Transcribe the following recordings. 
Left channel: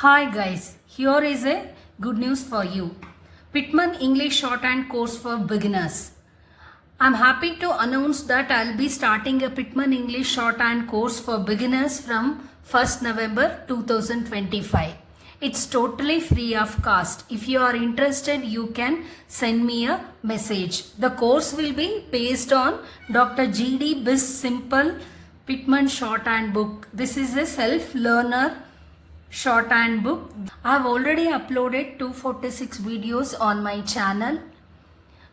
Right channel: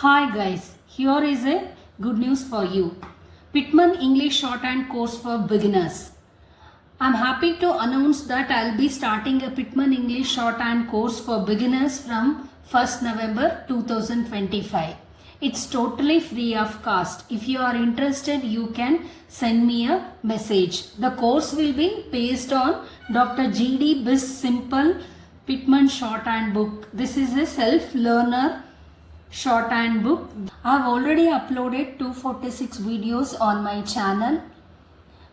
Hi guys, here is a good news for you. Pitman English Shorthand course for beginners. I'm happy to announce that I'll be starting a Pitman English Shorthand course for beginners from 1st November 2025. It's totally free of cost. If you are interested, you can send me a message. The course will be based on Dr. G.D. Biss Simple Pitman Shorthand book. This is a self-learner shorthand book. I have already uploaded 246 videos on my channel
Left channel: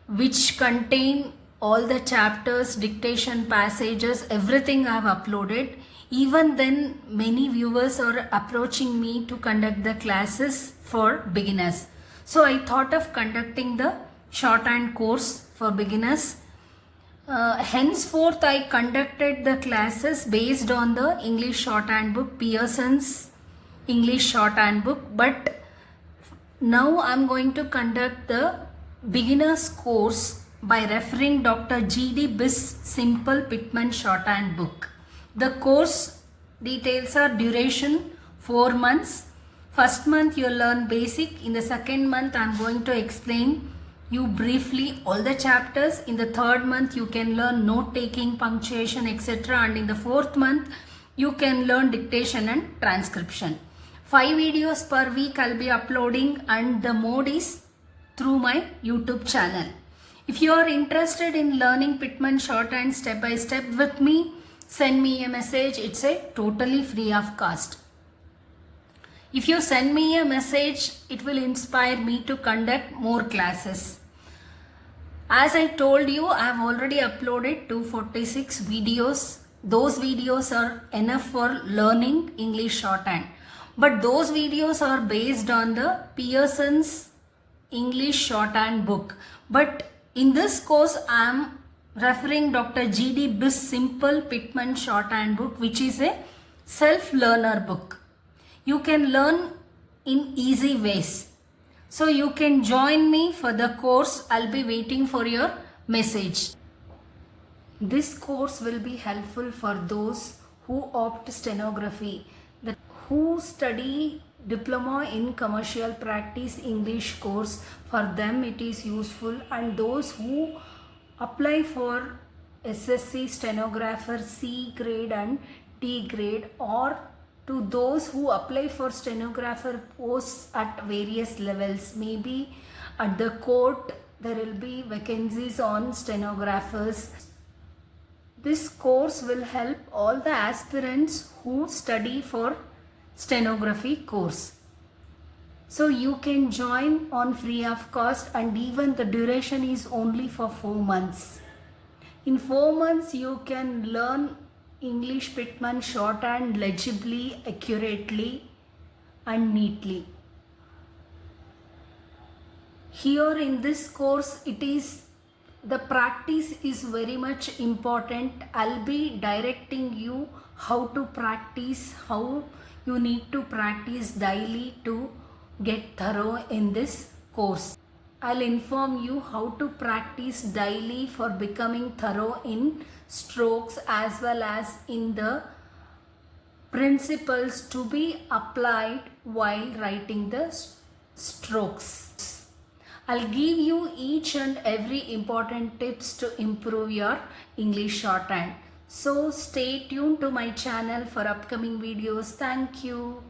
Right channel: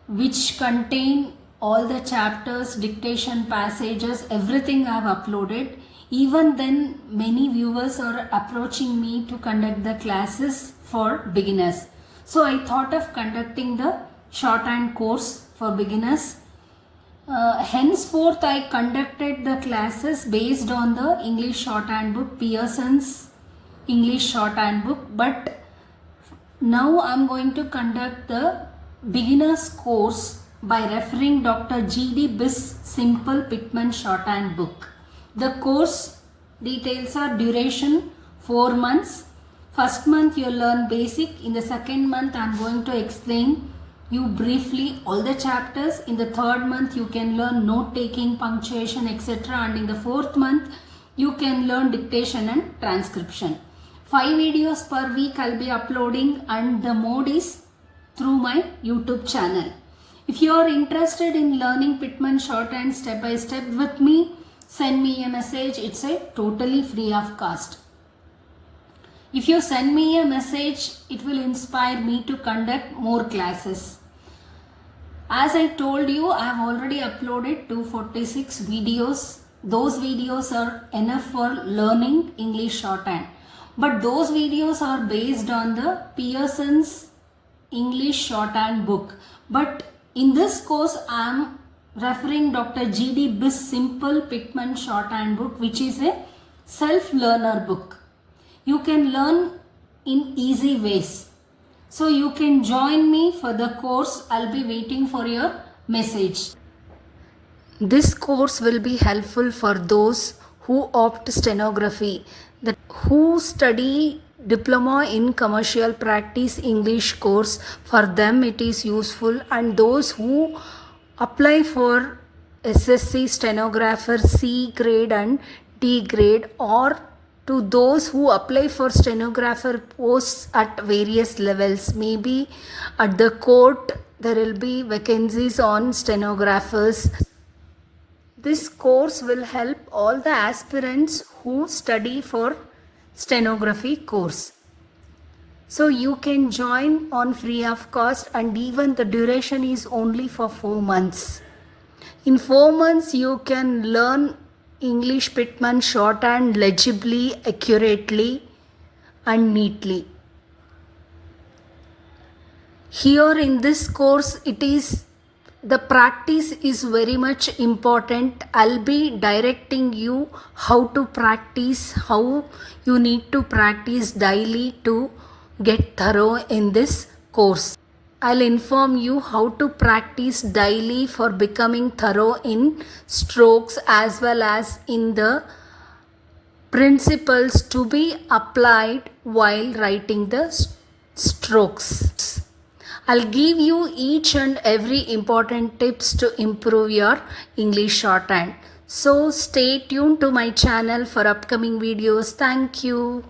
which contain all the chapters, dictation passages, everything I have uploaded. Even then, many viewers are approaching me to conduct the classes for beginners. So I thought of conducting the shorthand course for beginners. Henceforth, I conducted the classes based on the English shorthand book, Pearson's English shorthand book, but now I'm going to conduct the beginner's course by referring Dr. G.D. Biss Simple Pitman Shorthand book. The course details are duration 4 months. First month you learn basic. In the second month I'm going to explain you briefly all the chapters. In the third month you can learn note taking, punctuation, etc. And in the fourth month you can learn dictation and transcription. 5 videos per week I'll be uploading, and the mode is through my YouTube channel. If you are interested in learning Pitman Shorthand step by step with me, send me a message. It's a totally free of cost. If you send me a message, it will inspire me to conduct more classes. As I told you, I have already uploaded 246 videos. Those videos are enough for learning English shorthand. But those videos are based on the Pearson's English shorthand book. But in this course, I am referring Dr. G.D. Biss Simple Pitman Shorthand book, which is a self-learner book. You can learn in easy ways. So you can join me for the course. I'll be waiting for your message. This course will be helpful for those who opt stenography, who study diploma in commercial practice English course. For them it is useful, and those who apply for SSC stenographer C grade and D grade, or to those who apply for stenographer posts at various levels. Maybe at the court there will be vacancies on stenographers. This course will help all the aspirants who study for stenography course. So you can join on free of cost, and even the duration is only for 4 months. In 4 months you can learn English Pitman shorthand legibly, accurately and neatly. Here in this course, the practice is very much important. I'll be directing you how to practice, how you need to practice daily to get thorough in this course. I'll inform you how to practice daily for becoming thorough in strokes as well as in the principles to be applied while writing the strokes. I'll give you each and every important tips to improve your English shorthand. So stay tuned to my channel for upcoming videos. Thank you.